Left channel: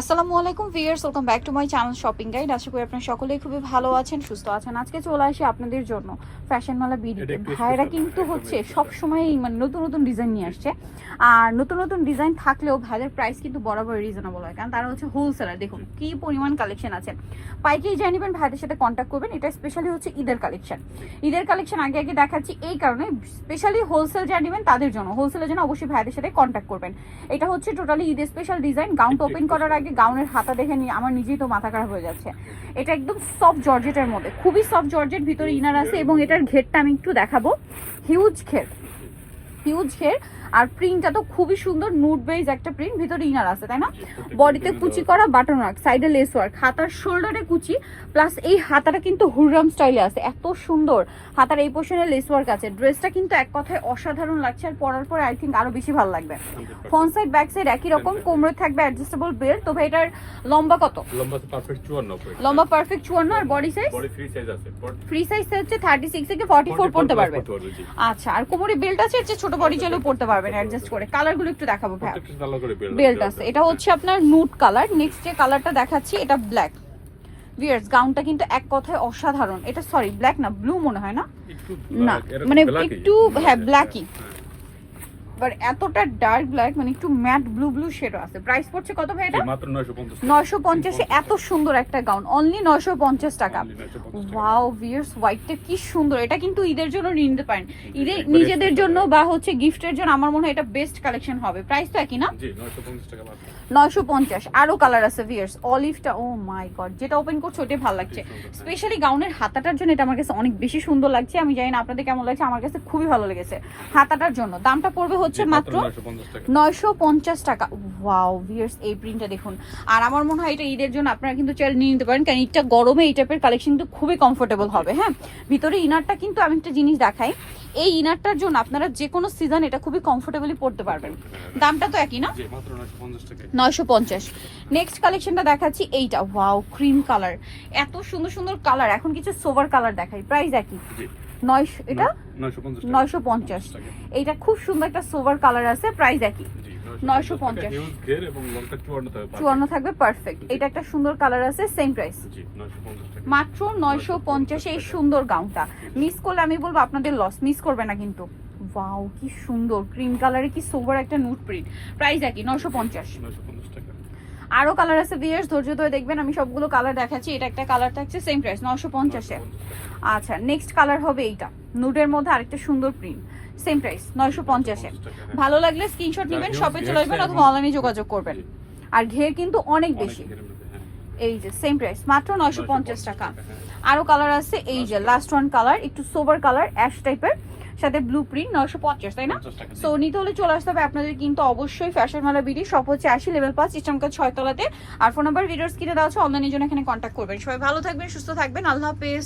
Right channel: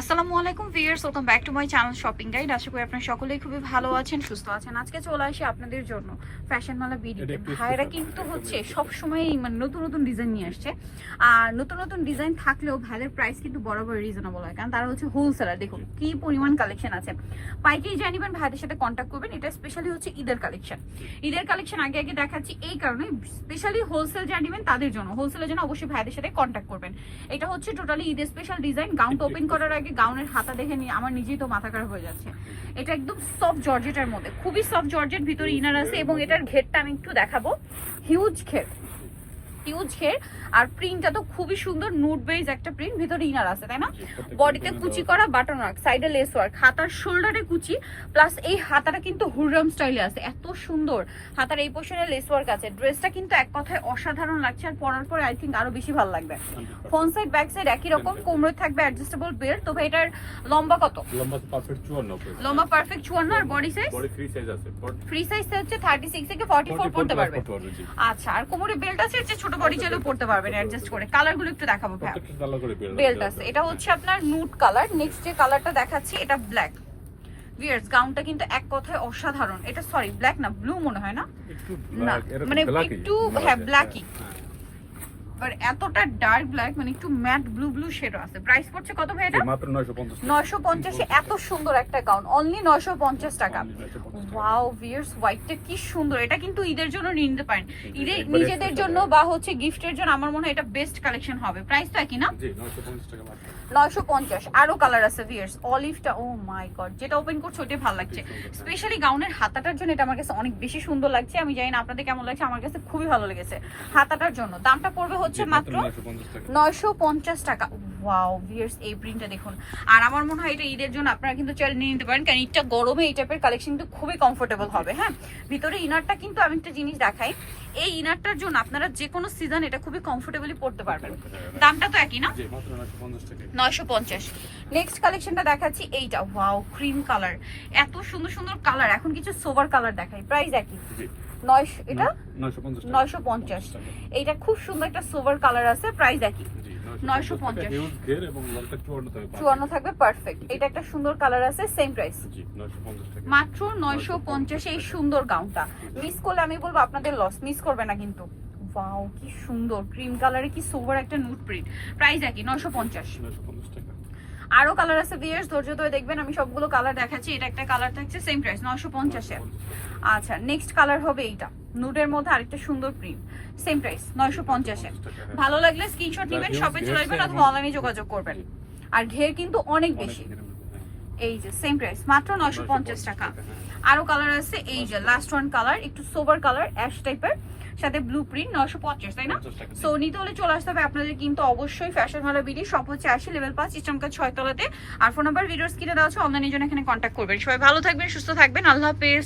আসসালামু আলাইকুম viewers, welcome back to my channel shopping guide. আশা করি আপনারা সকলেই খুবই ভালো আছেন, সুস্থ আছেন। আজকে চলে আসি আপনাদের জন্য ফ্যাশন মালা ভিডিওতে। ভাইরা কিন্তু হচ্ছে সব সময় মানে নতুন নতুন ডিজাইন নিয়ে আসছে, আর নতুন নতুন ডিজাইন থাকলেও ভাইদের প্রাইস কিন্তু বরাবর রিজনেবল হয়, কারণ তারা হচ্ছে হোলসেলার। দেখুন কি পরিমাণ কালেকশন আছে। পাইকারি জানিবেন, ভাইদের সাথে কন্ট্যাক্ট করবেন। এটা স্পেশালি হচ্ছে ঈদের কালেকশন। ঈদের কালেকশন আগে আগে দেখাচ্ছি এই কারণে, স্পেশালি হোলসেল জানিবেন তাদের জন্য, হোলসেলের জন্য অবশ্যই ভাইদের সাথে কন্ট্যাক্ট করবেন। এটা হচ্ছে টোটালি ঈদের স্পেশাল ডিজাইন। গাউনটা ওপেন করার আগে গাউনের হাতা দেখে নিয়ে আমার নিজেই তো মাথা খারাপ হয়ে যাচ্ছে। এটা একদম সফট জর্জেটের মধ্যে, খুবই সফট জর্জেট, ভিতরে ইনার আছে এবং এটার ঘেরটা আমি একটু দেখাবো। হিউজ ঘের, হিউজ ঘের। আর প্রিন্টটা তো খুবই সুন্দর, নুড বেজ একটা প্রিন্ট, ভিতরে ইনার আছে, তাই না? বডিতে কুচি করা বাটন ওয়ার্ক, সাইডে লেস ওয়ার্ক, হাতার শোল্ডারে কুচি, প্লাস এই হাতাটা কিন্তু হুররাম স্টাইলে আছে, এত সুন্দর। হাতার এই পোর্শনে লেস ওয়ার্ক আছে। ড্রেসটা কিন্তু এক কথায় অসাধারণ লাগছে, আর পরার পরে আই থিঙ্ক আরো বেশি ভালো লাগবে। ফ্রন্ট সাইড ব্যাক সাইড একই রকম, কোমরে থাকবে অ্যাডজাস্টেবল বেল্ট। তবে এটার লম্বা কত? লম্বা পারফেক্ট 54। লম্বা পারফেক্ট 54। আর body size? Body free size আছে। ফ্রি সাইজ হচ্ছে 36 থেকে 44 পড়তে পারবে। আচ্ছা, আর কোমরে বেল্ট আছে, যে ছোট বডি চাইলেও পড়তে পারবেন অ্যাডজাস্ট করে। কালারগুলো একটু দেখাবো ভাই। বেল্ট আছে, এটা হচ্ছে আপনার নুড কালার। নেক্সট যে কালারটা দেখাচ্ছি এটা ব্ল্যাক। ভিউয়ার্স, গাউনটা কিন্তু এক কথায় অসাধারণ। এটা সরি ব্ল্যাক না, ব্লু মনে হয় না, মানে একটু হ্যাঁ ব্ল্যাকই, বাট এতটা ডার্ক ব্ল্যাক, মানে একটু ম্যাট ব্লু ব্লু শেডও আছে। প্রাইস পড়ছে কত ভাই এটা? মাত্র 950। 950 এ এত সুন্দর একটা গাউন, অনলি 950 টাকা। ওয়াও ভিউয়ার্স, হোয়াইটটা কি সুন্দর। এটা কিন্তু ঈদের জন্য নিতে পারেন, ঈদের নিজেদের জন্য বা হচ্ছে গিফটের জন্য। আমার মনে হয় এটা বেস্ট কালেকশন হবে। প্রাইস তো একই না? জি 950 টাকা মাত্র। 950। আরো কালার আছে ভিউয়ার্স। অলিভটা, ও মাই গড, যেটা ওপেন করছে ওটাই ভালো লাগছে। স্পেশালি গাউনের হাতাটার জন্য এটা আমার কাছে অনেক বেশি সুন্দর লাগছে। আমি জানি না আপনাদের কেমন লাগছে, আমার কাছে খুবই ভালো লেগেছে হাতাটার জন্য। দামটা পড়বে হচ্ছে মাত্র 950 টাকা। ওয়াও ভিউয়ার্স, এই প্রিন্টটা দেখুন। আর আমার মনে হয় এটা ঈদের জন্য আপনারা কিন্তু চাইলে নিয়ে নিতে পারেন, কারণ এটা গরমে এই টাইপের কালেকশন কিন্তু খুবই কমফোর্টেবল হবে। হ্যাঁ, ভিতরে ইনারটা কিন্তু আমি একটা জিনিস দেখাই, এই ইনারটার জন্য আপনারা যে কোনো সিজন এটা খুবই কমফোর্টেবলি পড়তে পারবেন। দামটা তো একই না? জি মাত্র 950 টাকা। 950। নেক্সট কালেকশনটা দেখাচ্ছি এইটা। ওয়াও, ক্রিম কালার, এত সুন্দর সুন্দর কালার। এখন কিছু সোভার কালার দেখাই। প্রাইস একই, 950 টাকা। এটা খুব সুন্দর একটা সোভার কালার আছে। প্রাইস একই, 950। হিউজ ঘের এবং লংটা 54 থাকবে পারফেক্ট। এটা একটা সুন্দর কালার আছে, সেম প্রাইস, জি 950 টাকা। মাত্র 950 এই সুন্দর গাউনটা। মিস করলে আমি বলবো আপনাদের লস, মিস করবে না কিন্তু। ওয়াও কি সুন্দর ক্রিম কালারে, কি সোভার একটা নুট প্রিন্ট। প্রাইস একই, 950 টাকা। আরো কালার আছে ভিউয়ার্স, ধৈর্য ধরে দেখবেন। আমি সবগুলো কালার দেখাচ্ছি। এটা একটা কালার থাকছে, সেম প্রাইস 950 এ। আচ্ছা, নেক্সট কালার হবে এইটা, নুডের মধ্যে আরেকটা সুন্দর প্রিন্ট, সেম প্রাইস 950 এ। ভালো লাগলে স্ক্রিনশট নেবেন, শপে চলে আসবেন অথবা অনলাইনে যোগাযোগ করবেন। আর ঘের কিন্তু অনেক বেশি। এই যে সেম প্রাইস, মাত্র 950 টাকা। আরো কালার আছে, এই যে লাস্ট ওয়ান কালার, একটু সোবার কালার, অ্যাশ টাইপের, সাথে ব্লু প্রিন্ট, 950, তাই না? সো নিতে হলে চলে আসতে হবে আপনাদের কিন্তু অবশ্যই ফ্যাশন মালা বিডি। শপ হচ্ছে 80 লেভেল 5 ইস্টার্ন 6 তলাতে। আর ফোন নাম্বার ভিডিওস কিনে দেওয়া আছে, অনলাইনের জন্য এখানে কন্ট্যাক্ট করবেন। সবাই ভালো থাকবেন, সুস্থ থাকবেন, আল্লাহ হাফেজ।